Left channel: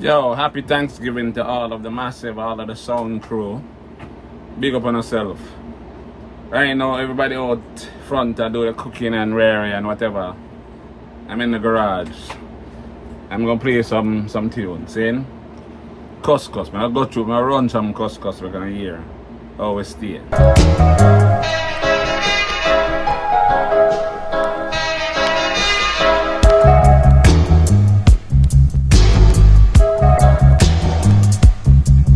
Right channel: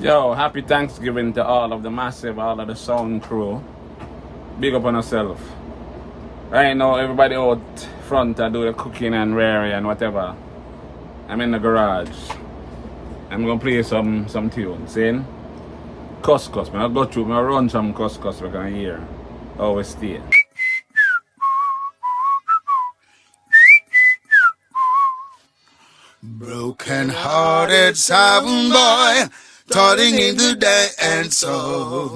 Yo, happy Thanksgiving to all of the massive, all of the sound crew. Big up on yourself. Right now, everybody out front I do the cooking and rearing and whatever. I'm in the garage. I'm gonna play some tunes. See? Cuss cuss. I'll go through, I'll run some cuss cuss we're gonna hear. Always stay. Brokenhearted sound boy, darling in the dance soul.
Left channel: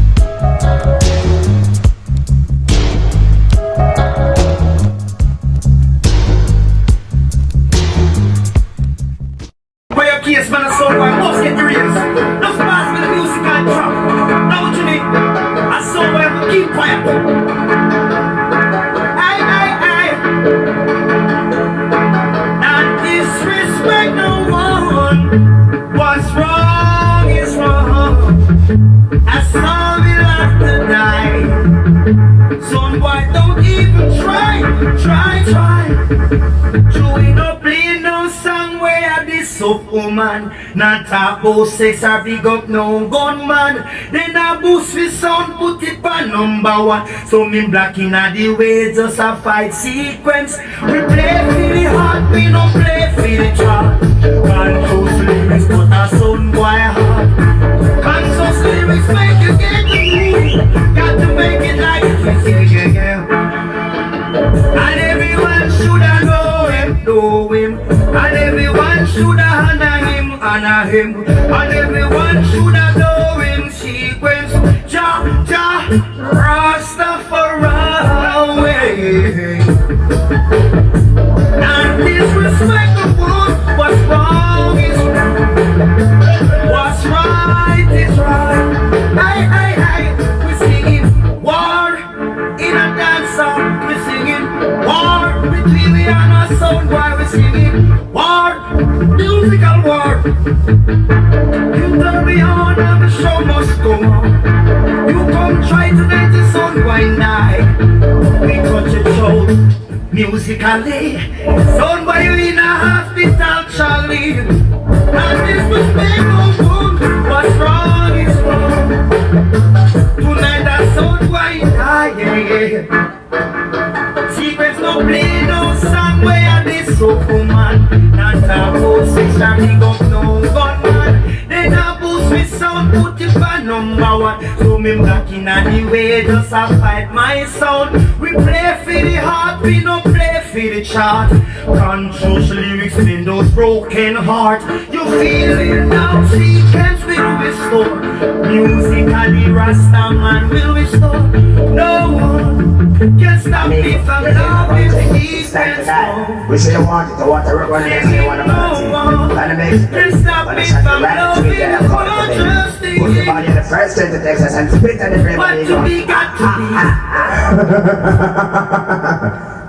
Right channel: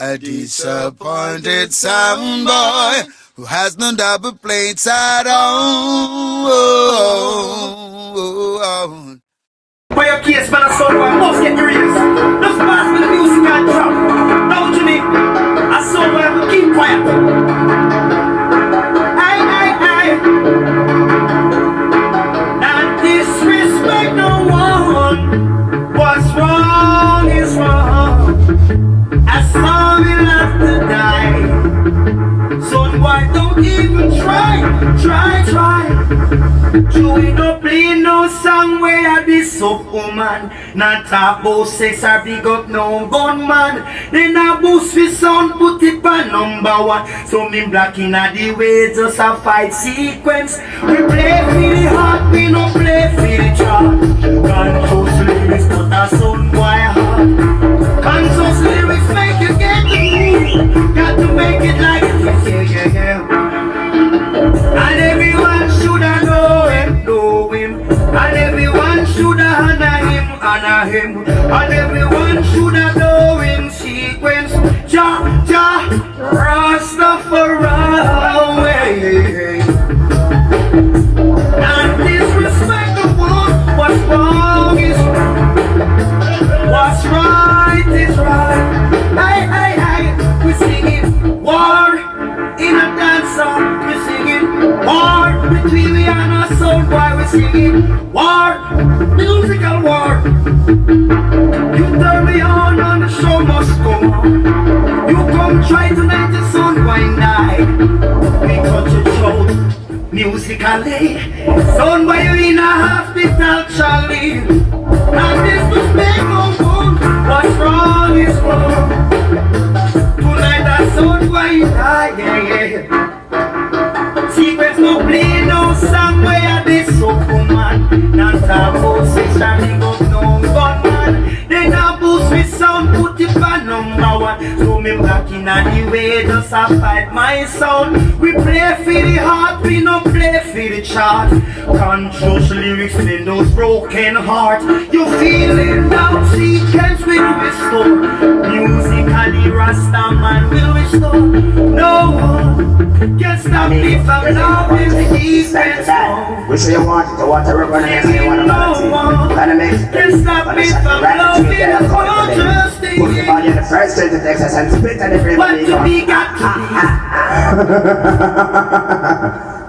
A disappointed sound boy who has no double plates at all. For your case, man, a sound boy must get your ears. Just pass me the music and drop. Now to me, a sound boy will keep quiet. Aye. Not disrespect no one. What's wrong is wrong. That's how we have to die. Son boy, don't even try. Joey no play no song where I be so woman. Not talk about sex or big up no gunman. Then I boost with sound, put it on number one. So me black in the way, just a fight sequence. We play for the heart, we no play for the chart. Conscious lyrics, but a sound boy hard. Conscious lyrics make you get me. Got to make it like yeah. And everyone should have know him. And everyone should have honor him. And everyone should have know him. Sequence, Jah, Rastafari. And disrespect the one. What's wrong is wrong. What's right is right. Aye. We singing war in a dance song. We singing war between me and our sound boy. We singing war, musical war. You turn me on and the show must go on. You come try to make the sound boy die. We touch it out musically. Sound boy in a hospital shall live. And this was make no one. What's wrong is wrong. Tonight that sound boy die. Yeah. Secrets no play no song where I this so woman. Not a boss sex or big up no gunman. Then a boost with sound put it on number one. So me black in the way just a fight my sound. We play for the heart, we no play for the chart. Conscious lyrics in those broken heart. You feeling down, sequence will restore. Musically Rasta man will restore. No one can stop me from loving sequence. You say you want it, you want to rub on it, you want to balance it. And it makes it. Can stop me from loving conscious things. Put the body in the first state of Texas and split on the frame. What to be got to be.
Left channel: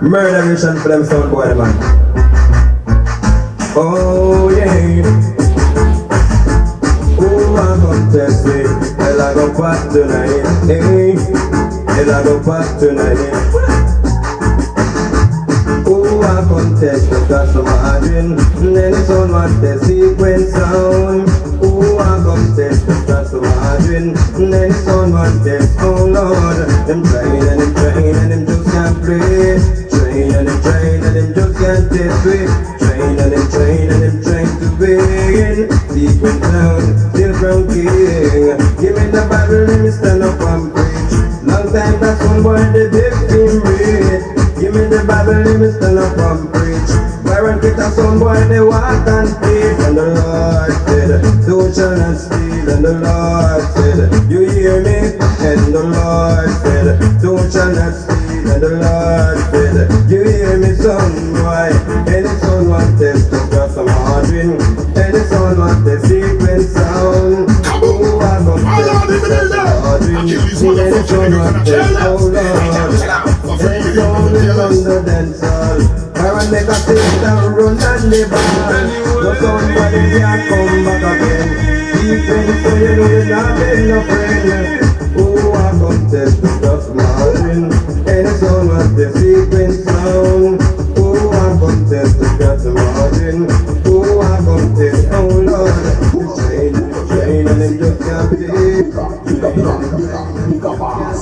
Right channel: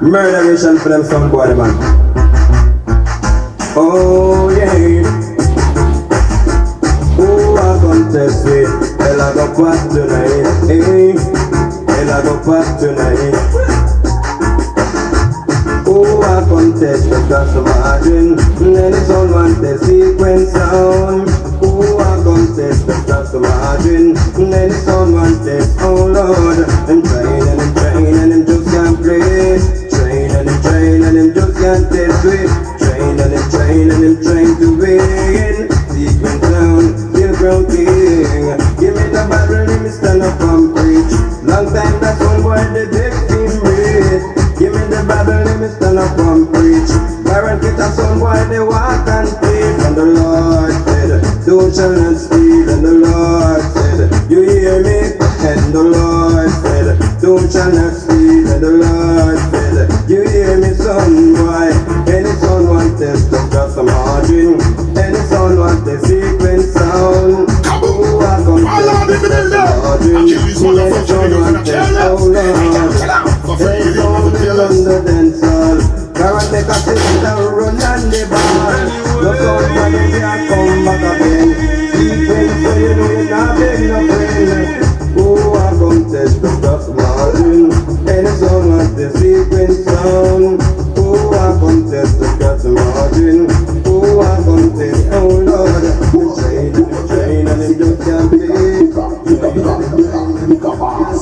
Murder mission for them sound boy, man. Oh yeah. Oh, I contest it. Hell, I go past tonight. Hell, I go past tonight. Oh, I contest the class of margin. Then it's on one the sequence sound. Oh, I contest the class of margin. Then it's on one test. Oh Lord, them train and them just can't play. Train and them just can't test me. Train and them trying to win. Sequence sound, still ground king. Give me the Bible, let me stand up and preach. Long time that someone the victim rate. Give me the Bible, let me stand up and preach. Warren Peter, someone they walk and speak. And the Lord said, don't shall not steal. And the Lord said, you hear me? And the Lord said, don't shall not steal. And the Lord said, you hear me, son? Why? Any son want test the cross of margin. Any son want the sequence sound. Who has some test the cross of margin? Any son want test, oh Lord. Any son will under dance all. Karen make a system run and live on. No somebody can't come back again. Sleeping so you know you're not being no friend. Oh, I'm gonna test the cross margin. Any son wants the sequence sound. Oh, I'm gonna test the cross margin. Oh, I'm gonna test, oh Lord. You train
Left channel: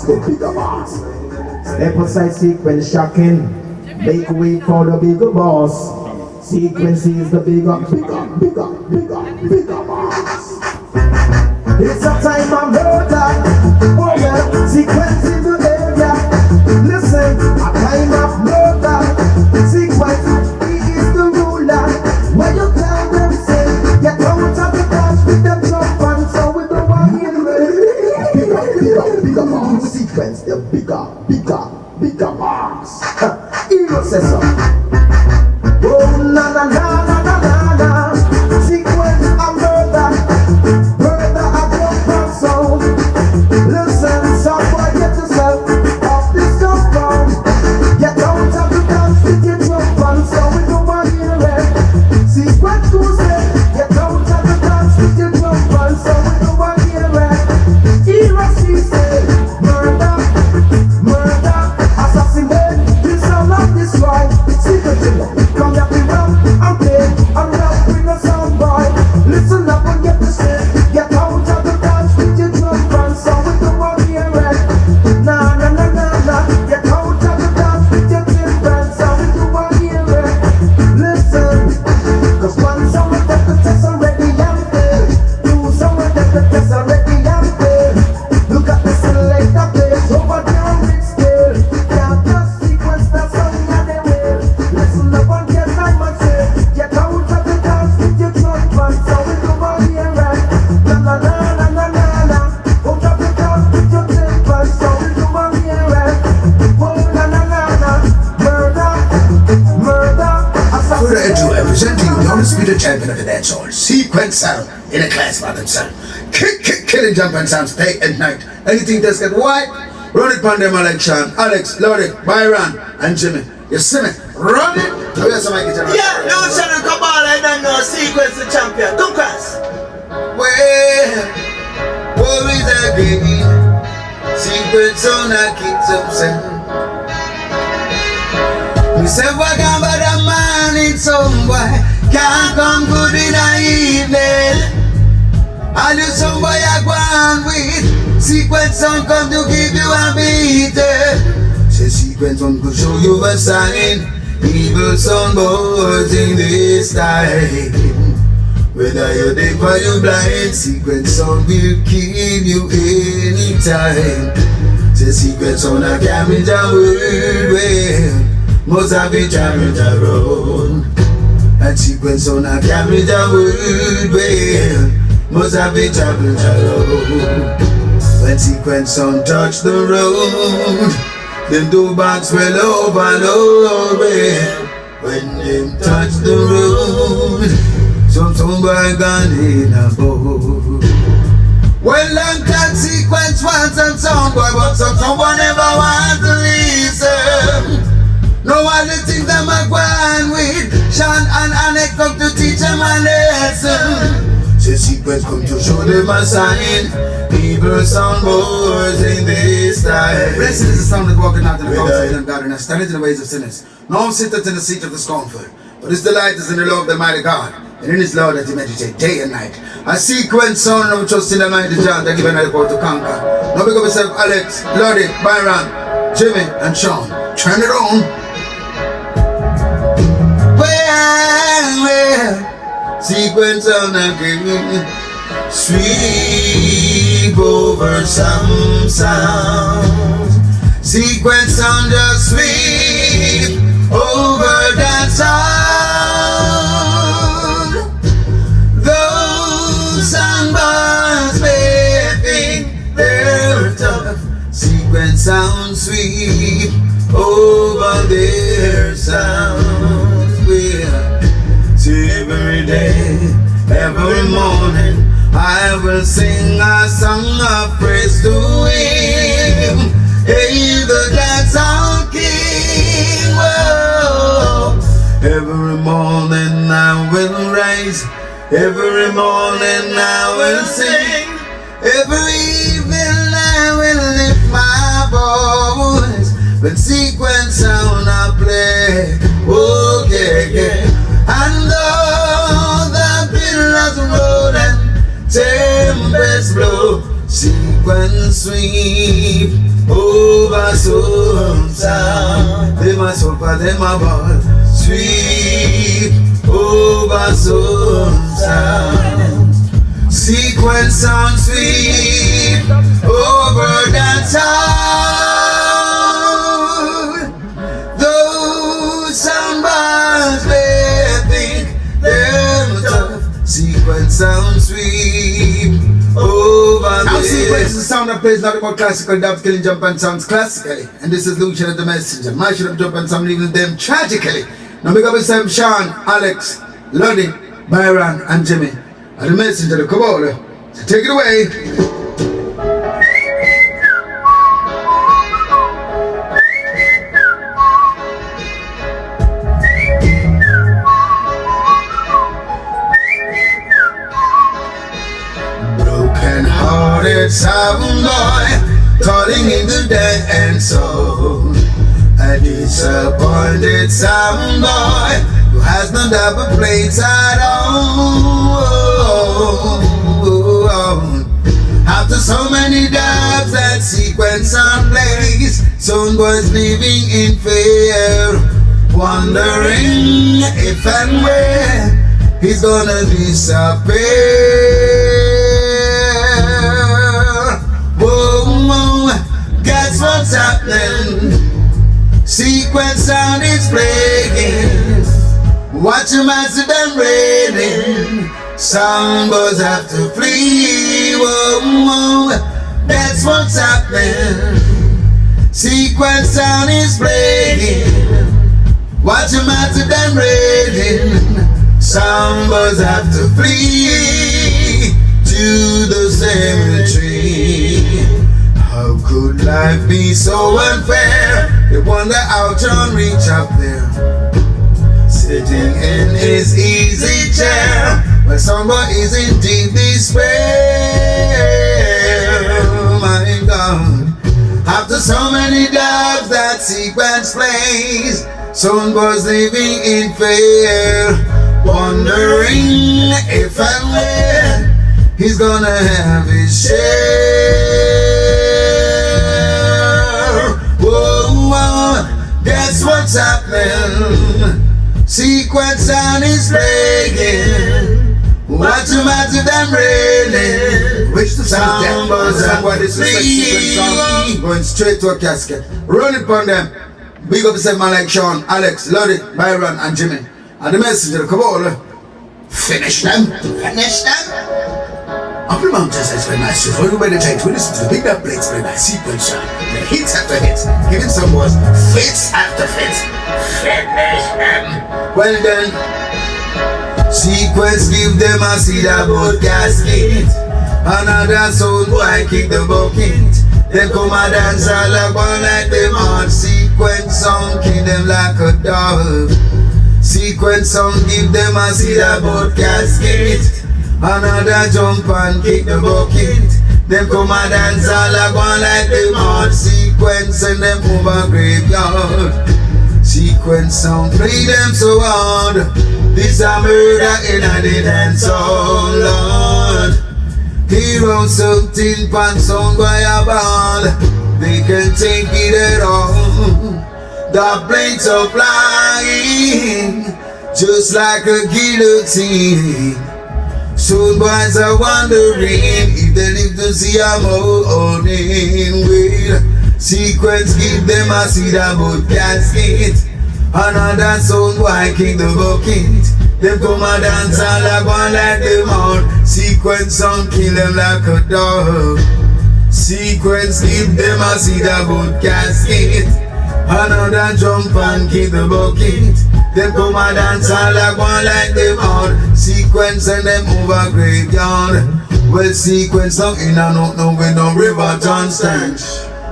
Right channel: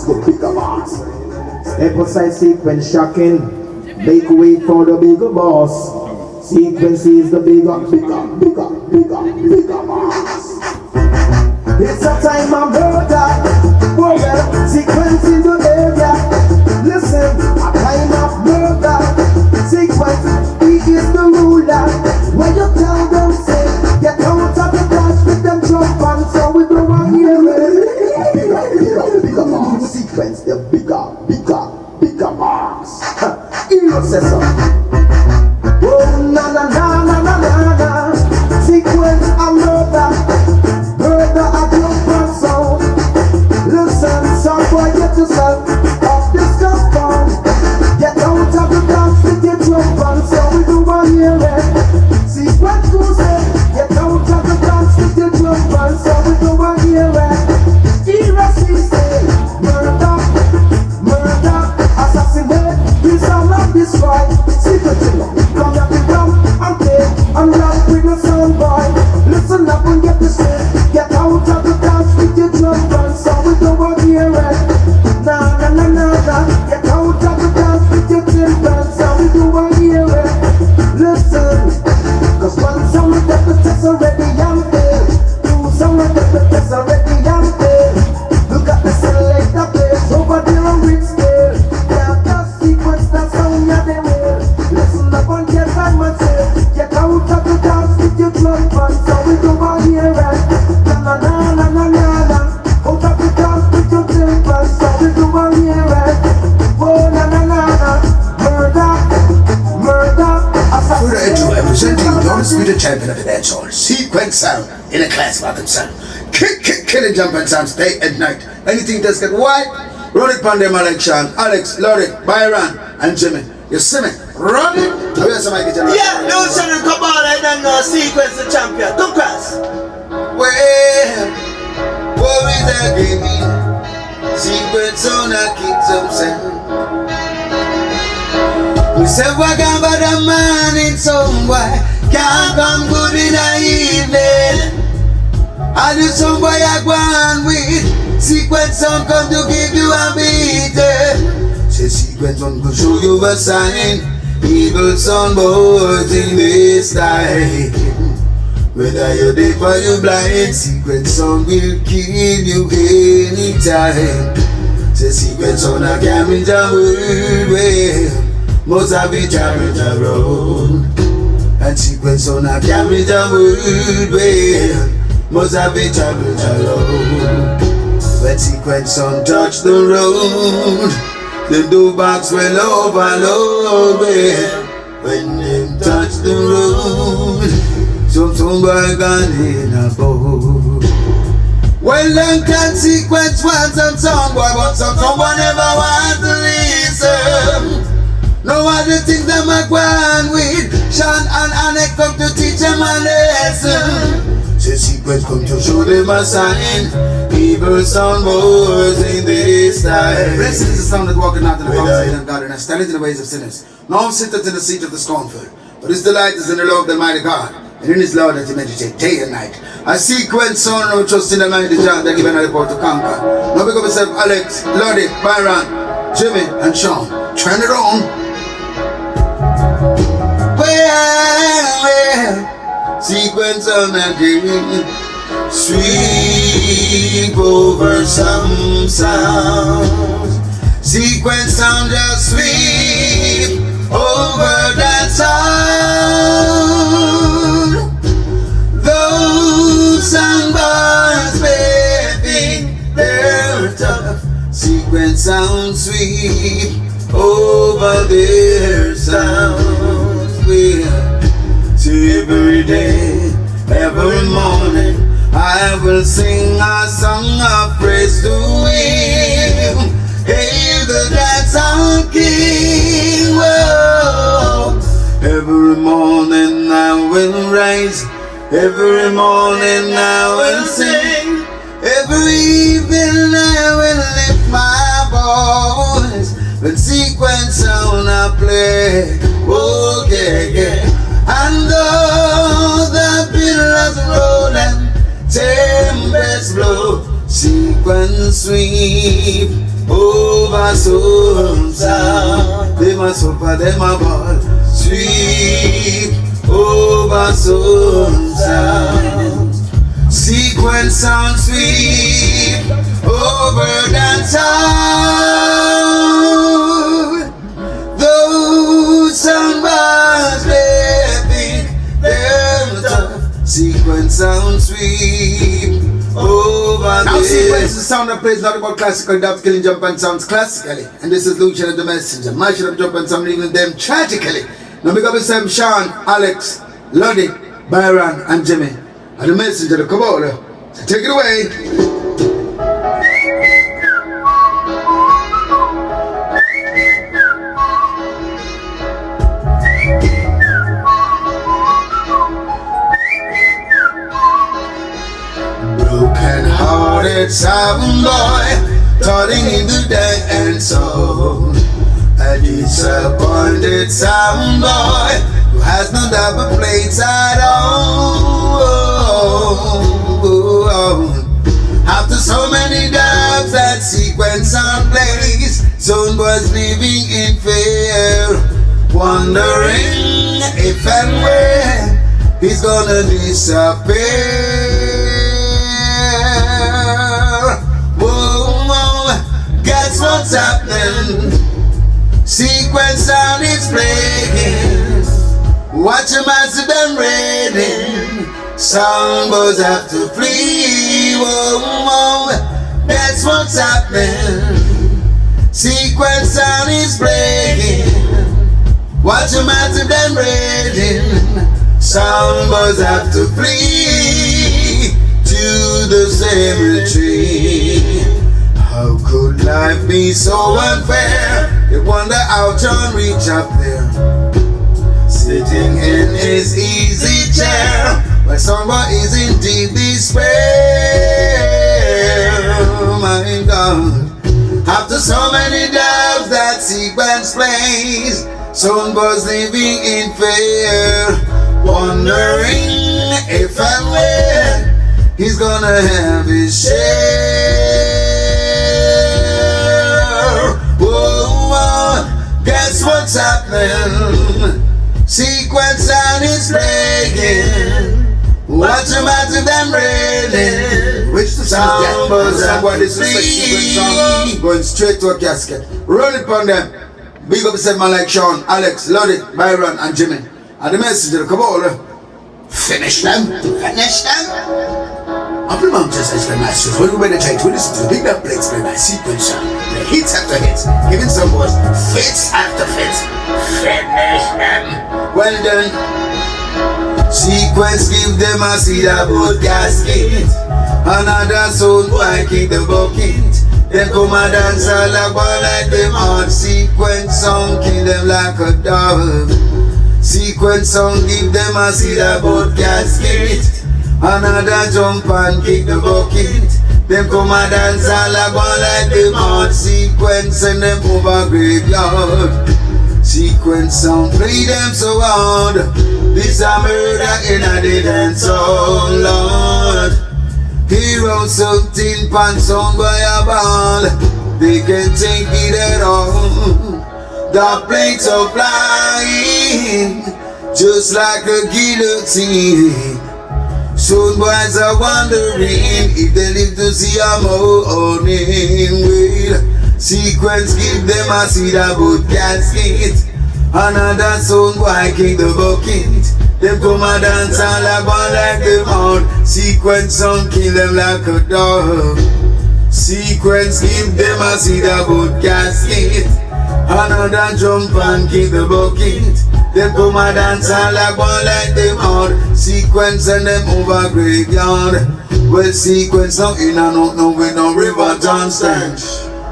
the bigger boss. Step aside sequence shocking. Make way for the bigger boss. Sequence is the bigger boss. It's a time of murder. Well, sequence in the area. Listen, a time of murder. Sequence, he is the ruler. When you tell them, say, get out of the dance with them jump on, so we don't want to hear it. Bigger boss. Sequence, the bigger boss. Hero says so. Oh, na na na na na na na. Sequence, a murder. Murder, a jump on, so. Listen, somewhere get yourself off this compound. Get out of the dance with your jump on, so we don't want to hear it. Sequence, who say, get out of the dance with your jump on, so we don't want to hear it. Hero say, murder, assassinate, you shall not destroy. Secret killer, come here, be round and play and rap with a sound boy. Listen up and get this straight. Get out of the dance with your drum band, so we don't want to hear it. Na na na na na. Get out of the dance with your tin band, so we don't want to hear it. Listen, 'cause one song will get the test already young day. Two songs will get the test already young day. Look at the selector place over there on Rick Scale. Yeah, just sequence that sound and the way. Listen up and get right, man, say. Get out of the dance with your drum band, so we don't want to hear it. Na na na na na na na. Out of the dance with your tin band, so we don't want to hear it. Whoa, na na na na. Murder, assassinate. Representing the undisputed champion of the dancehall, Sequence Sound, in a class by themselves. Killing jump and sounds day and night. Anything that's get white, run it upon them like Sean, Alex, Lodi, Byron, and Jimmy. You see me? Run it. Where's somebody getting it? Yeah, no channel come on, I don't know. Sequence the champion. Don't cuss. Well, what is that baby? Sequence on a keep some sound. We say what about a man in some boy can't come good in the evening. And you some boy I go on with Sequence on come to give you a beating. Say Sequence on could show you a sign. Evil son boys in this time. Whether you're deaf or you're blind, Sequence on will kill you anytime. Say Sequence on a camera world well. Most of it carried around. And Sequence on a camera world well. Most of it traveled around. When Sequence on touch the road, them do box well overload well. When them touch the road, some boy gone in a boat. Well, them can Sequence want some song boy, but someone never want to listen. No other things that I go on with Sean and Alex come to teach them a lesson. Say Sequence come to show them a sign. Evil son boys in this time. Blessed is the sound that walking out of the outside of God, and I stand in the ways of sinners. No one sitteth in the seat of the scornful, but his delight is in the law of the mighty God, and in his law that he meditate day and night. A Sequence son no trust in the mighty John that give another power to conquer. Now because myself Alex, Lodi, Byron, Jimmy, and Sean. Turn it on. Sequence on a game, sweep over some sounds. Sequence sound just sweep over that sound. Those sound bars baby, they're tough. Sequence sound sweep over their sounds. Every day, every morning, I will sing a song of praise to Him. Hey, the God's our King. Whoa. Every morning I will rise, every morning I will sing, every evening I will lift my voice. When Sequence sound I play, okay. And though the billows roll and tempest blow, Sequence sweep over some sound. Them a suffer, them a ball. Sweep over some sound. Sequence sound sweep over the town. Those sound bars, they think they're tough. Sequence sound sweep over. Now sequence is the sound that plays nothing but classical dubs, killing jump and sounds classically. And this is Lucian the messenger. My shit up jump and sound leaving them tragically. Now big up yourself, Sean, Alex, Lonnie, Byron, and Jimmy. And the messenger, the Kabbalah. So take it away. Brokenhearted sound boy, calling in the day and soul. A disappointed sound boy who has no double plates at all. After so many dubs that sequence sound plays, sound boys living in fear, wondering if and when he's gonna disappear. Whoa, guess what's happening? Sequence sound is breaking. Watch them as them raining. Sound boys have to flee. Whoa, that's what's happening. Sequence sound is breaking. Watch them as them raining. Sound boys have to flee to the cemetery. How could life be so unfair? They wonder how John reach up there, sitting in his easy chair, but someone is in deep despair. Oh my God, after so many dubs that sequence plays, sound boys living in fear, wondering if and when he's gonna have his share. Guess what's happening? Sequence sound is playing. Watch them out to them railing. Which the sound boys and what is free. Going straight to a casket. Roll it on them. Big up the man like Sean, Alex, Lonnie, Byron, and Jimmy. And the messenger, come on. Finish them. Finish them. Up the mountains as the masters, when we meditate, we listen to the big bad plates play by sequence sound. The hits after hits, giving some boys fits after fits. Finish them. Well done. Sequence give them a seed about casket. Another sound boy kick the bucket. They come and dance all like one like them hard. Sequence sound kill them like a dog. Sequence sound give them a seed about casket. Another jump and kick the bucket. Them come and dance all like one like them hard. Sequence and them over graveyard. Sequence sound play them so hard. This a murder in a dead and song, Lord. Hero something pan sound by a ball. They can take it at all. The plates are flying just like a guillotine. Soon boys are wondering if they live to see a morning wheel. Sequence give them a seed about casket. Another sound boy kick the bucket. They come and dance all like one like them out. Sequence sound kill them like a dog. Sequence give them a seed about casket. Another jump and kick the bucket. They come and dance all like one like them out. Sequence and them over graveyard. Well, sequence not in and out no with no river John stench.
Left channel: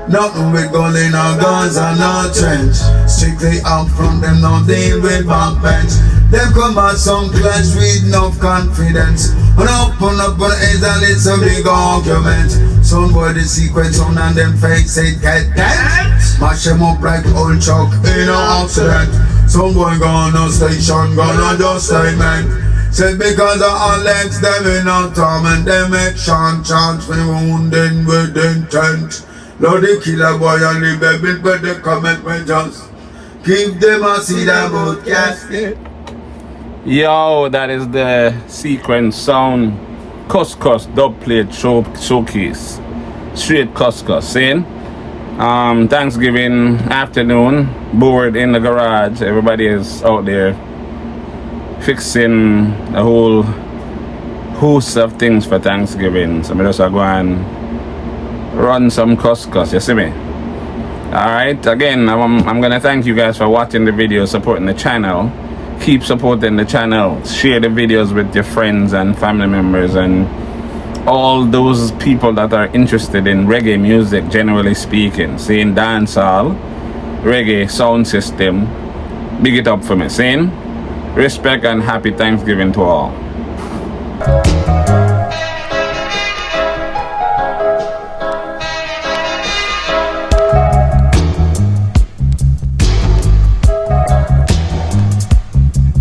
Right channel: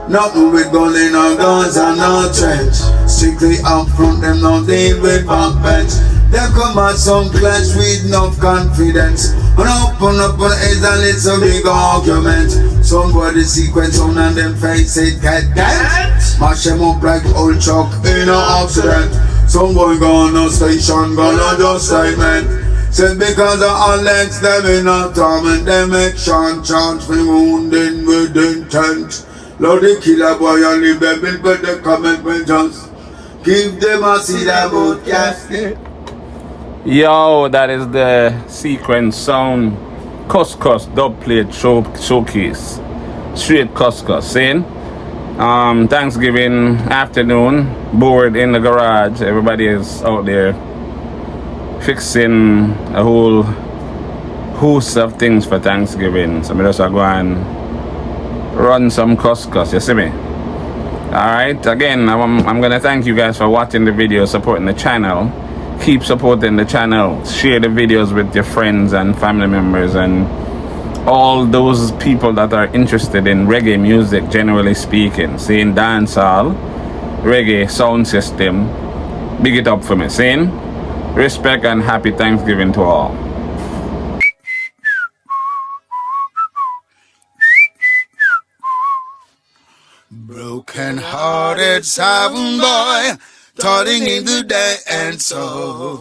Nothing with gun in our guns and no trench. Strictly up front, them not deal with backbench. Them come at some clash with no confidence. And open up on heads and let some big argument. Somebody sequence on and them face it get dead. Smash them up like old truck in an accident. Some boy gonna station, gonna just segment. Said because of Alex, them in a torment. Them make Sean chance me wounded with intent. Lord, the killer boy and the baby, but the commitment just give them a seed about casket. Yo, that is the sequence sound cuss cuss dub plate showcase. Straight cuss cuss. Saying Thanksgiving afternoon, bored in the garage. Everybody is out there fixing a whole host of things for Thanksgiving. So I just go and run some cuss cuss, you see me? Alright, again, I'm gonna thank you guys for watching the video, supporting the channel. Keep supporting the channel. Share the videos with your friends and family members and all those people that are interested in reggae music, generally speaking. Saying dancehall, reggae, sound system. Big it up for me. Saying respect and happy Thanksgiving to all. Brokenhearted sound boy, calling in the day and soul.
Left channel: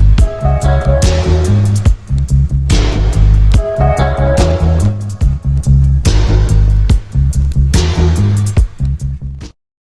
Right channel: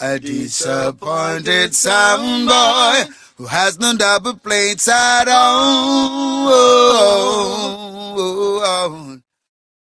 A disappointed sound boy who has no double plates.